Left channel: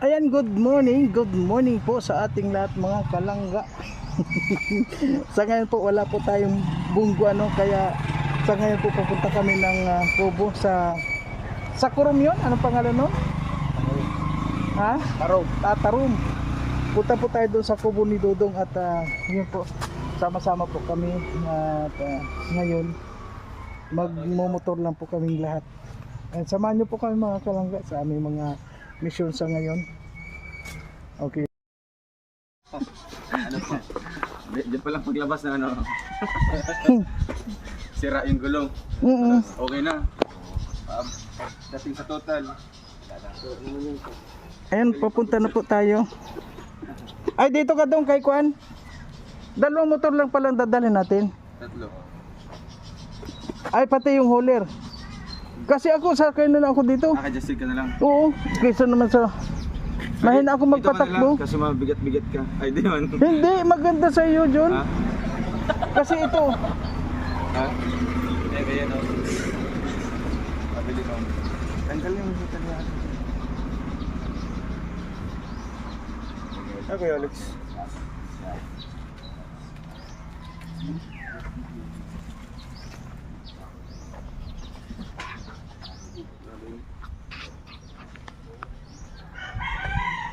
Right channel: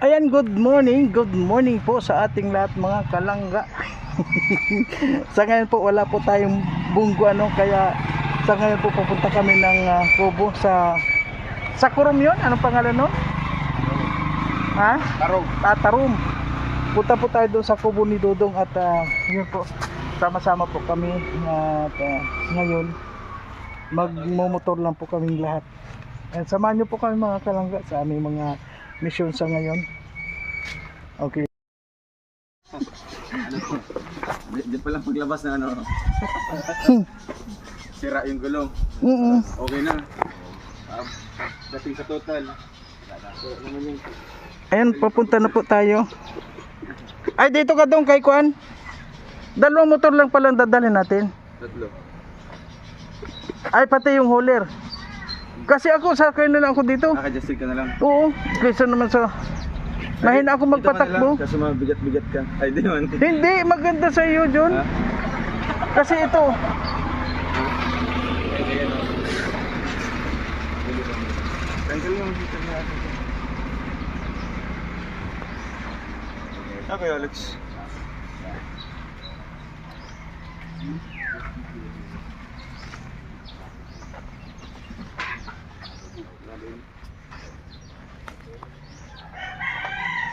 Ayan, good morning po sa ating lahat mga kalangga. Sa ngayon po wala po tayong bunggo kaya sa ngayon po pupunta kami ng Kubo sa Kurom yun, anong pangalan nun? Ha? Tarom. Tarom. Punta po tayo doon sa Kubo ni Dodong at yun po, sama-sama po kami at ngayon magmumotor lang po kaming lahat. And samahan nyo po kami mga kalangga sa aming mga mission sa ngayon. Okay. Ano po? Diyan pa lang paglabas na sira yung gulong. Okay na. Dating sa total. Ayan, papunta na po tayo. Ay, dito ka doon kay Kuan. Dalawang motor lang palang dadalhin natin. Tatlo. Ay, pati yung hauler. Kasi ako, sakay na lang ako dito. Naka-adjusted ka na lang. Oo, kaysa naman sa... Mahina ako magpatakbo. Kasi mabigat-bigat ka. Ay, di man. Hindi, maganda sa iyo, John. Ha? Kasi ito. Tanggal yung heater niya. Okay, Alex.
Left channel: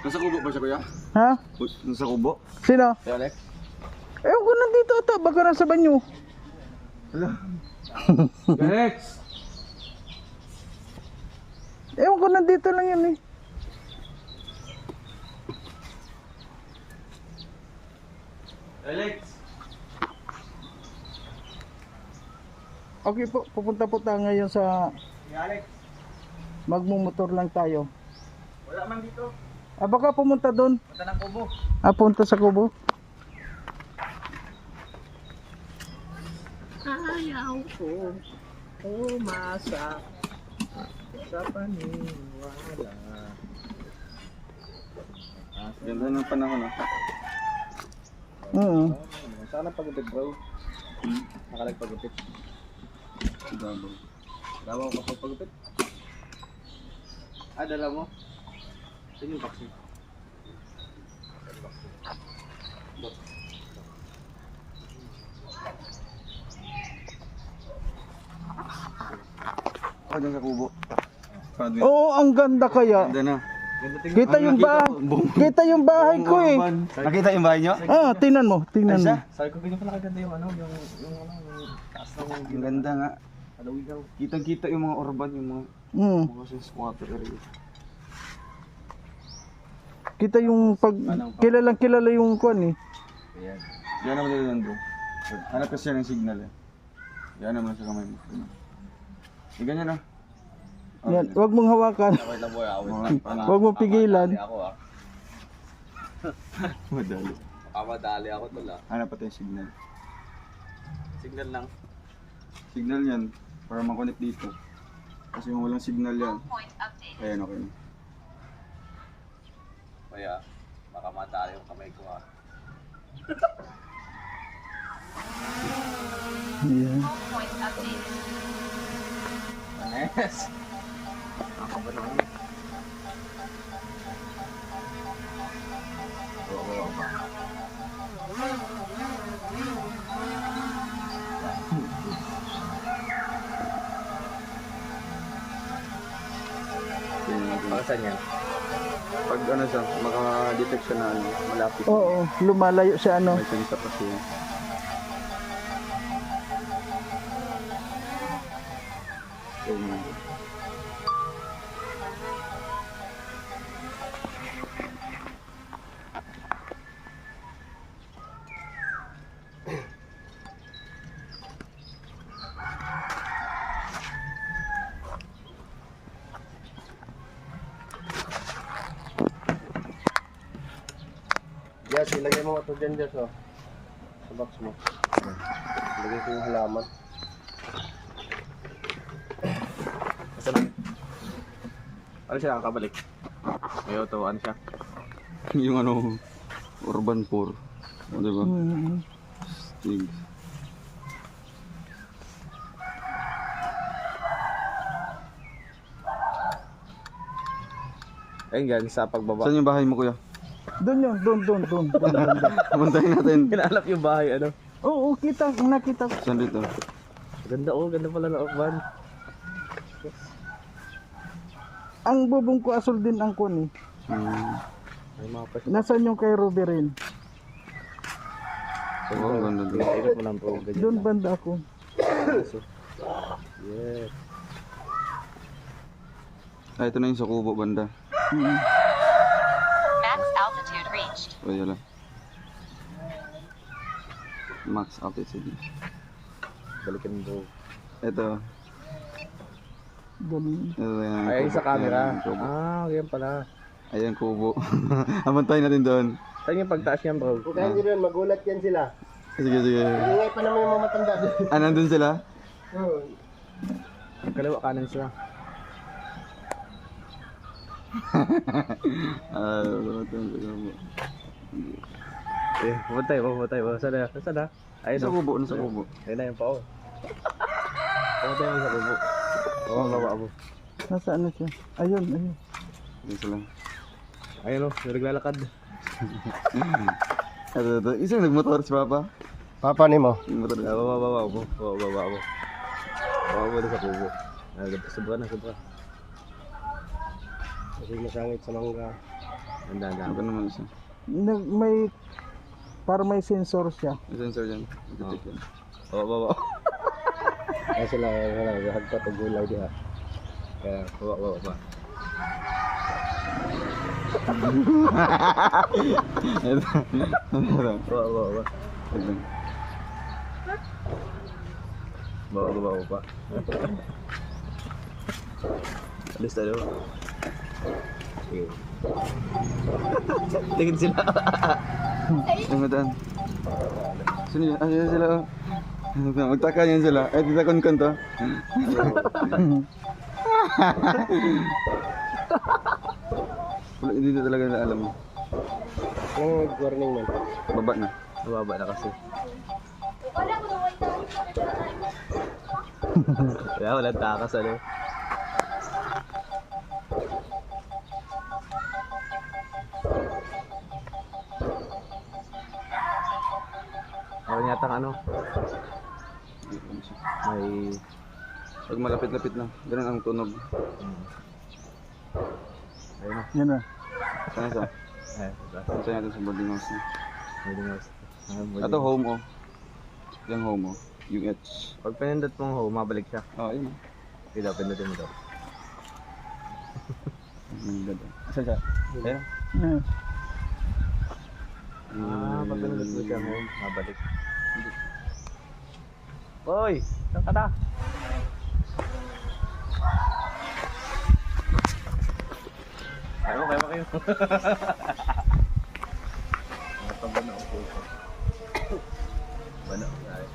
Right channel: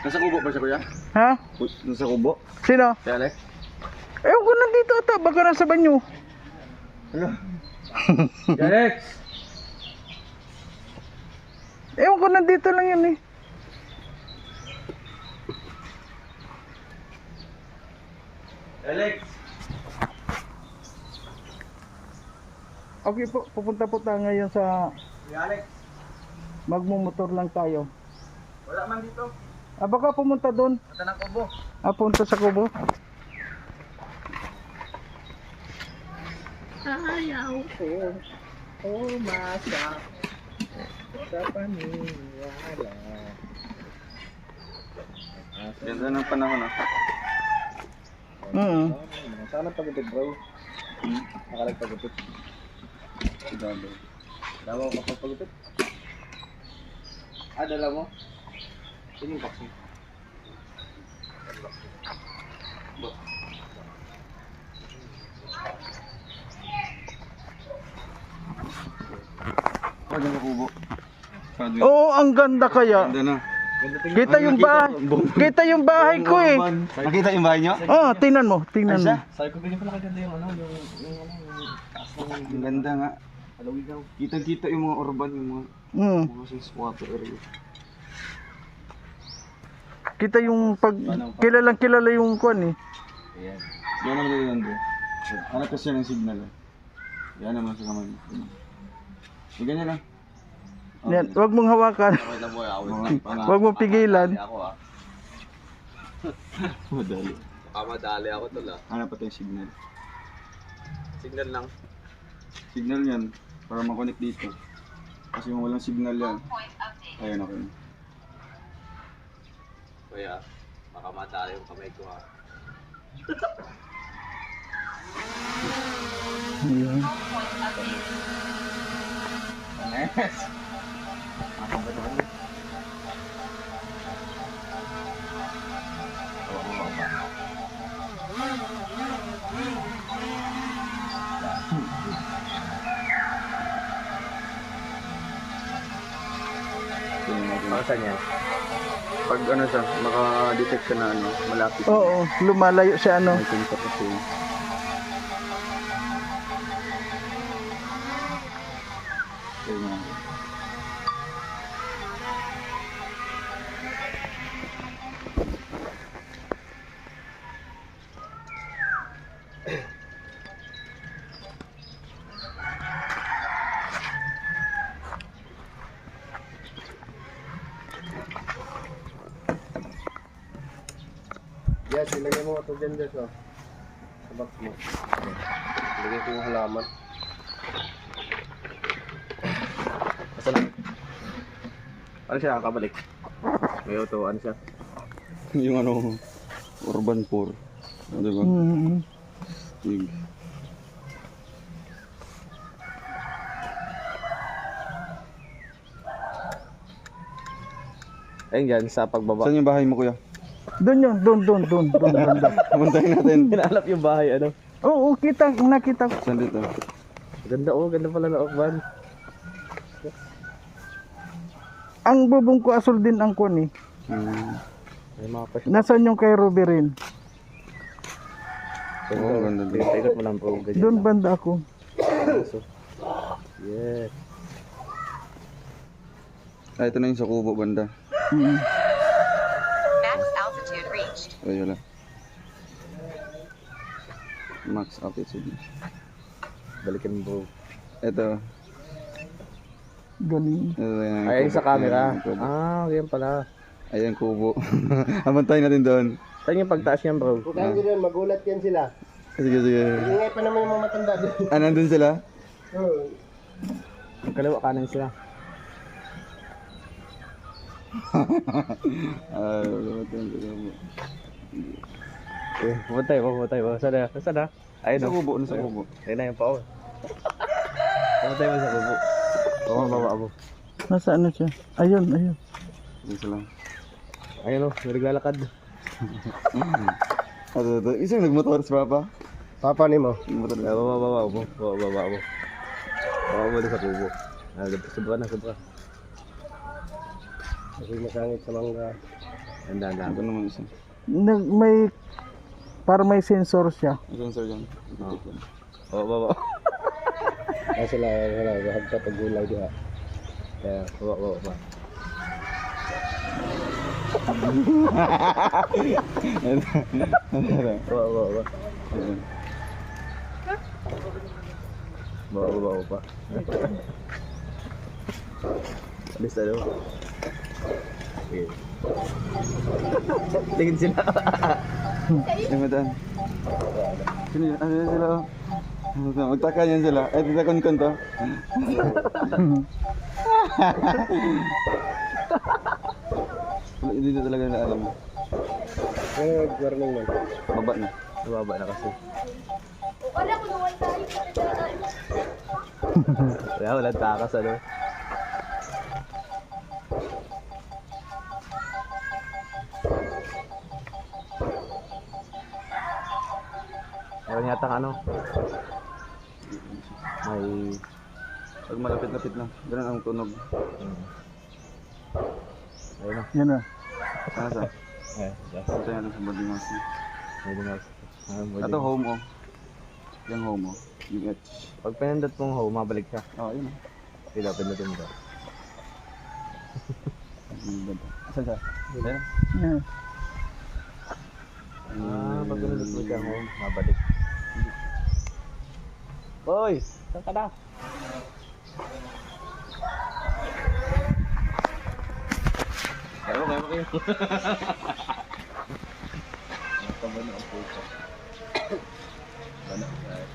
Nasa kubo pa siya, kuya? Ha? Nasa kubo? Sino? Si Alex? Ewan ko nandito ata, baka nasa banyo. Hello? Si Alex! Ewan ko nandito lang yan eh. Alex! Okay po, pupunta po tayo ngayon sa... Si Alex! Magmumotor lang tayo. Wala man dito. Baka pumunta doon. Punta ng kubo. Punta sa Kubo. Ayaw ko umasak sa paniwala. Ganda ng panahon Saan ang pagupit, bro? Nakalagpagupit. Sigado. Dawa ko kapag pagupit? Dala mo? Sino yung vaccine? Ako dyan sa kubo. Oo, ang ganda kaya. Ganda na. Kita yung bahay. Kita yung bahay ko eh. Nakita yung bahay nyo? Oh, tingnan mo, tingnan mo. Sabi ko ganyan pala kaganda yung taas ng... Ang ganda nga. Alawigaw. Kitang-kita yung mga urban, yung mga squatter area. Kita yung pag kilalang kilala yung kuan eh. Ayan. Diyan naman dito nando. Hanap kasi ng signal eh. Diyan naman sa kamay mo. Ganyan na. Yan, wag mong hawakan. Wait lang boy, Wag mong pigilan. Madali. Madali ako tol Hanap pa tayong signal. Signal lang. Signal yan para makonect dito. Kasi kung walang signal yan. Ayan, okay na. Kaya, baka madali yung kamay ko ha. Ayan. Yes. Saan yan? Pag siya, maka-detect siya na malapit. Oo, lumalayo sa May sensor kasi. Yes, ilagay mo ito dyan, Jess, oh. Sa box mo. Ilagay ko yung halaman. Ano siya, kabalik? May auto, ano siya? Yung urban 4. O, diba? Stig. Ayun dyan, sa pagbaba. Saan yung bahay mo, kuya? Doon yun, doon banda. Pumuntahin natin. Hinalap yung bahay, ano? Oo, nakita ko. Saan dito? Ganda, oh. Ganda pala na Okban. Ang bubong ko asul din ang kun eh. May mga pes. Nasaan yung kay Ruby rin? Oo, ganda din. Ito mo lang po. Doon banda ako. Yes. Ah, ito na yung sa kubo banda. Mm. Max altitude reached. O, yun lang. Max altitude. Balikin bro. Ito. Galing. Ito yung Ay, sa camera. Ayan, kubo. Ah, yan pala. Ayan, kubo. Amantayin natin doon. Saan yung pagtaas yan bro? Kaya hindi rin, magulat yan sila. Sige, sige. Ingay pa naman yung mga matanda. Ah, nandun sila? Oo. Kaliwa kanan siya. Ah, amantayin sa kubo. Eh, pumatay mo. Saan na? Ayun Sa na. kubo, nasa kubo. Ayun na yung pao. Pumatay mo sa kubo. Oo, baba mo. Nasaan na siya? Ayun. Ayan sila. Ayun o, naglalakad. Ito. Isang nagmotor si Papa. Papa ni mo. Nagmotor. Baba mo. Baba mo na sa kubo. Sobra. Kasi masangit sa mangga. Handa. Ito naman isa. May para may sensor siya. May sensor dyan. Detect yan. Oo, baba. Kasi sila, hagpat ang gulaw diha. Kaya, Baba. Ito. Baba. Ito. Baba pa. Alis tayo. Okay. Tingin sila. Ay, madaan. Sino yun? Ah, yun sila. Magtaka yan sila. Ay, titakon to. Wala, hindi na talaga na alam mo. kung nag-warning man. Baba na. Nababa na kasi. Walang takas ano. Meron yata ano. May Pag malapit-lapit na. Ganun ang tunog. ayun na. Yan na. Sana sa? Eh, Punta natin sa boarding house na. Pwede na. Ito home oh. Yung home oh. Yung H. Pag pinindot mong home, mabalik siya. Oh, yun oh. Ito, pindutin mo daw. Asan siya? Ayan. Yan. Pag pinindot mo siya home, mabalik. Hoy! Saan ka na? Ayaw, kaya ba kayo? Nakabana ang puso. Bana ang kaya.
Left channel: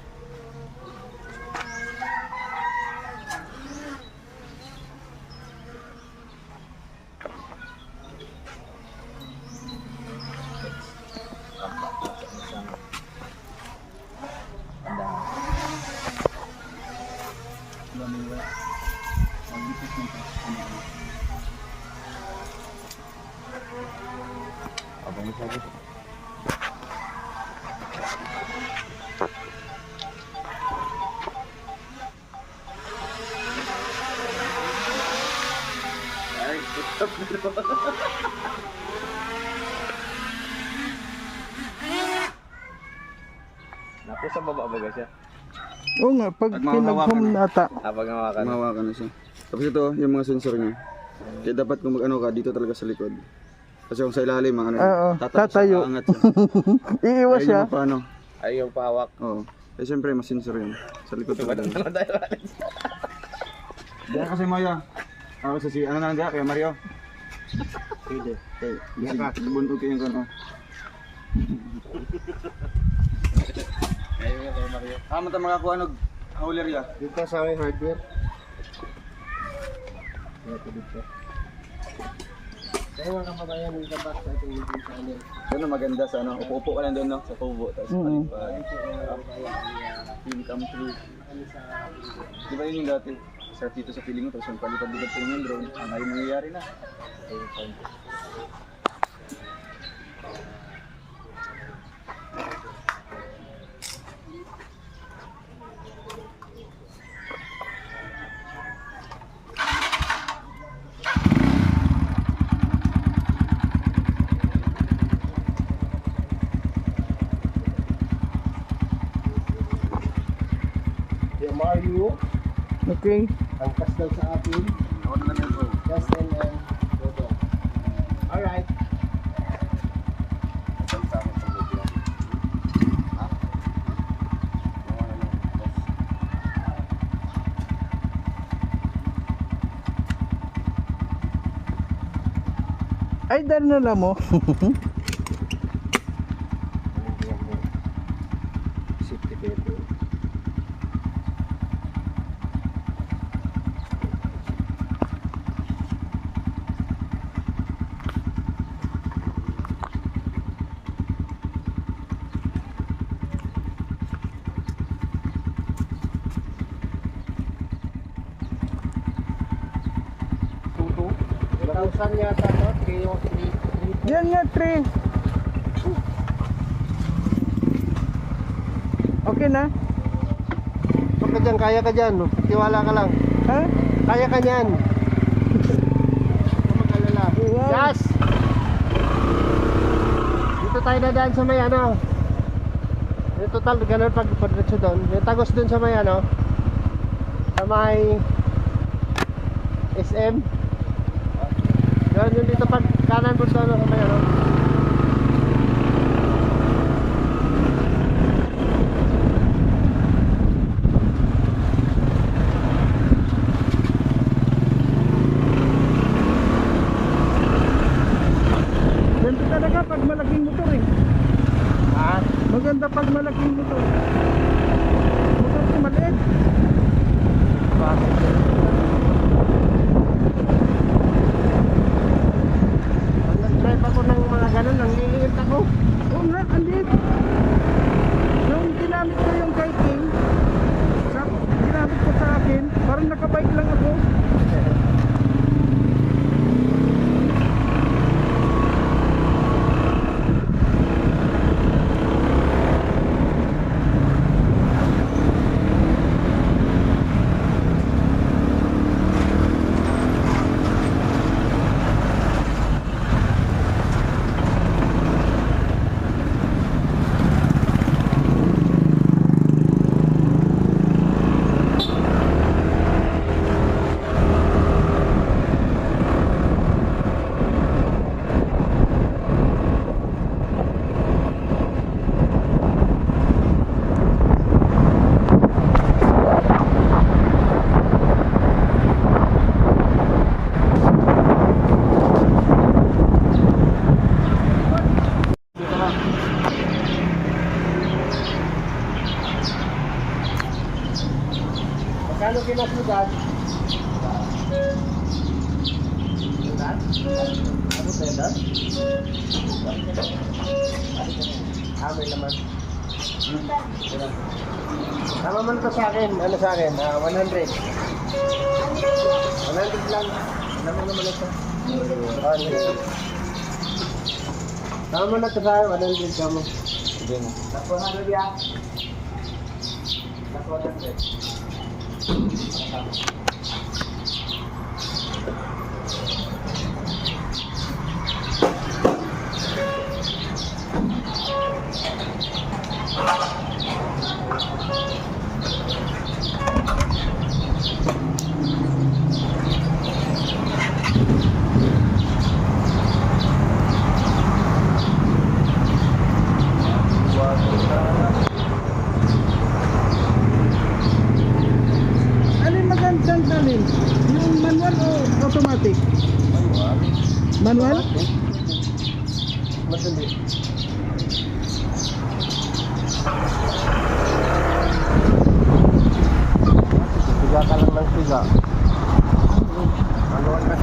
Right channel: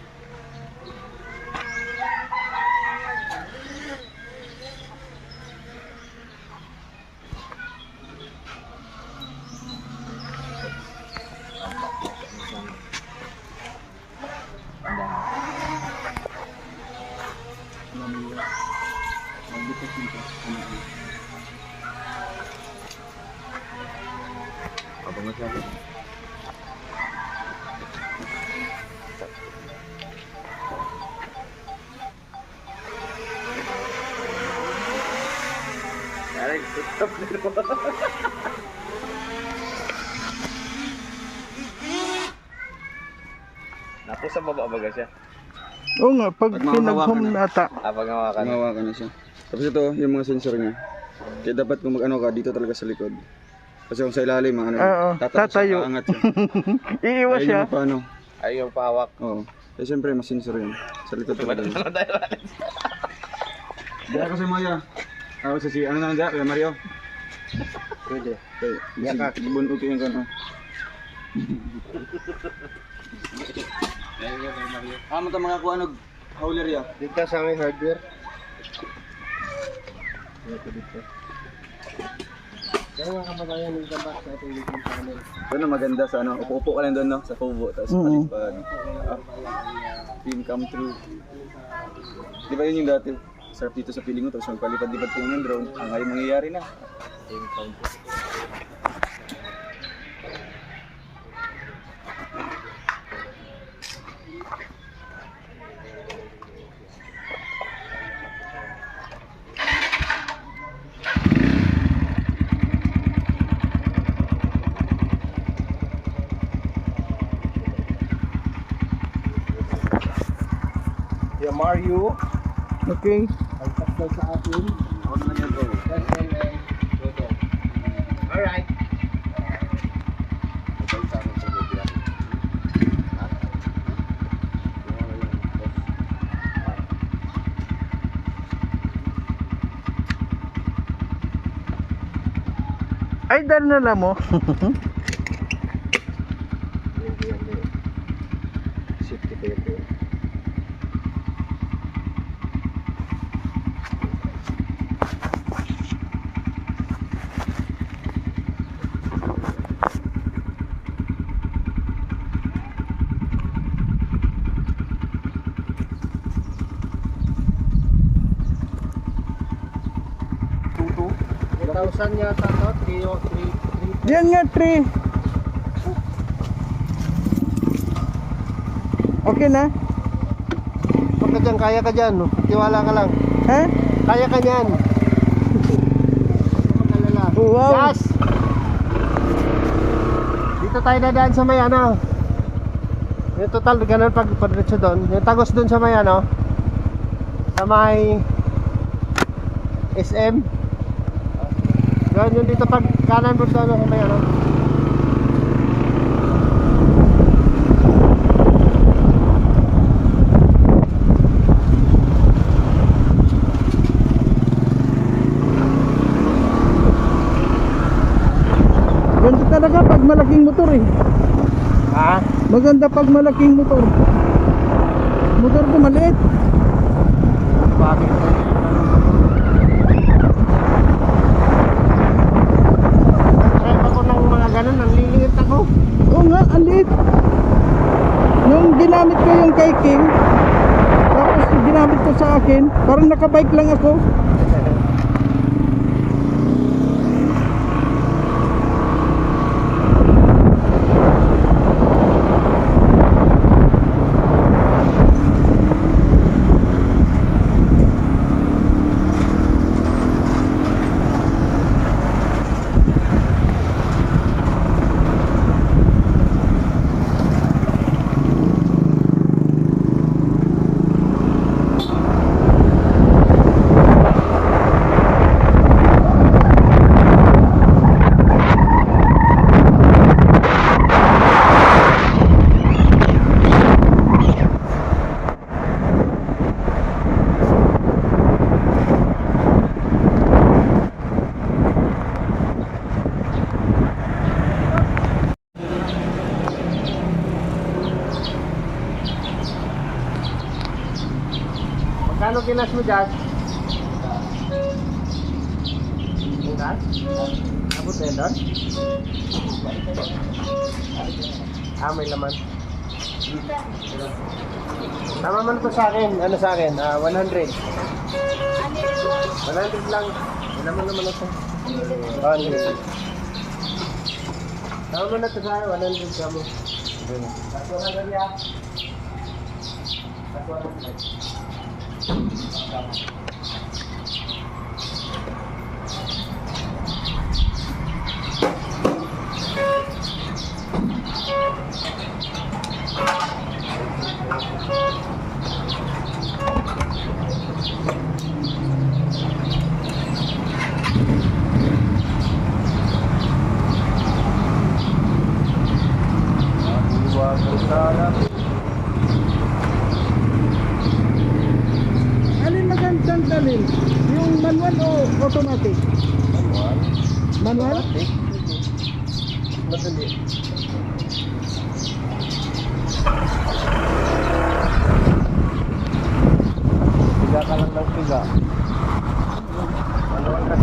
Abangat natin. Ay, stop dito. Napo sa baba baga siya. Oo nga, pag At mahahawakan pinag-home na. ata. Pag hawakan. Mahawakan na siya. Tapos ito, yung mga sensor niya. Kaya dapat kung mag-ano ka, dito talaga sa likod. Kasi kung sa ilalim, ang ano, Oo, tatayo. siya, aangat siya. Iiwas Ayun siya. yung paano. Ay, yung pahawak. Oo. Eh siyempre, mas sensor yun. Sa likod talaga. Diyan ako si Maya. Ako si ano na dyan, kaya Mario. Pwede. Okay, bunod ko yung kano. Mata makakuha ng hauler ya. Dito sa aming hardware. Dito dito. Kaya mga kapatayan yung tabak sa ating meeting sa kanil. Doon maganda sa ano, upo-upo ka lang doon no, sa kubo. Tapos film come true. Di ba yun yung dati? Sarap dito sa feeling mo, tapos magpalipad-lipad po yung drone. Ngayon mangyayari na. Yung Mario, Okay. ang kasal sa akin. Ako naman yun bro. SLM. Dodo. Alright. Mabalik sa akin sa lobby natin. Ha? Yung ano lang, test. Ay, dahil na lang mo. Safety ko yun. Tuto. 1,000 yata to. 3. Yan nga, 3. Okay na? Huwag ka dyan, kaya ka dyan. Tiwala ka lang. Ha? Kaya ka dyan. Huwag mag-alala. Wow. Yes! Dito tayo dadaan sa may ano. Yung total, ganun pag diretso doon. Yung tagos doon sa may ano. Sa may SM. Ganun yung dito pag kanan doon sa ano sa may ano. Ganito talaga pag malaking motor eh. Ha? Maganda pag malaking motor. Motor ko maliit. Share ako ng mga ganun, nanliliit ako. Oo nga, ang liit. Nung ginamit ko yung kay King, tapos ginamit ko sa akin, parang nakabike lang ako. Magkano kinas mo dyan? Dyan? Abot na yun doon? May laman. Tama man ito sa akin. Ano sa akin? 100. 100 lang. May laman naman ito. 100. Tama man ito sa akin. 100 kamo. Lakuan na niya. Lakuan na niya. Alin magandang dalhin? Yung manual o automatic? Manual. Manual? Madali. Piga ka lang ng piga. Manual na.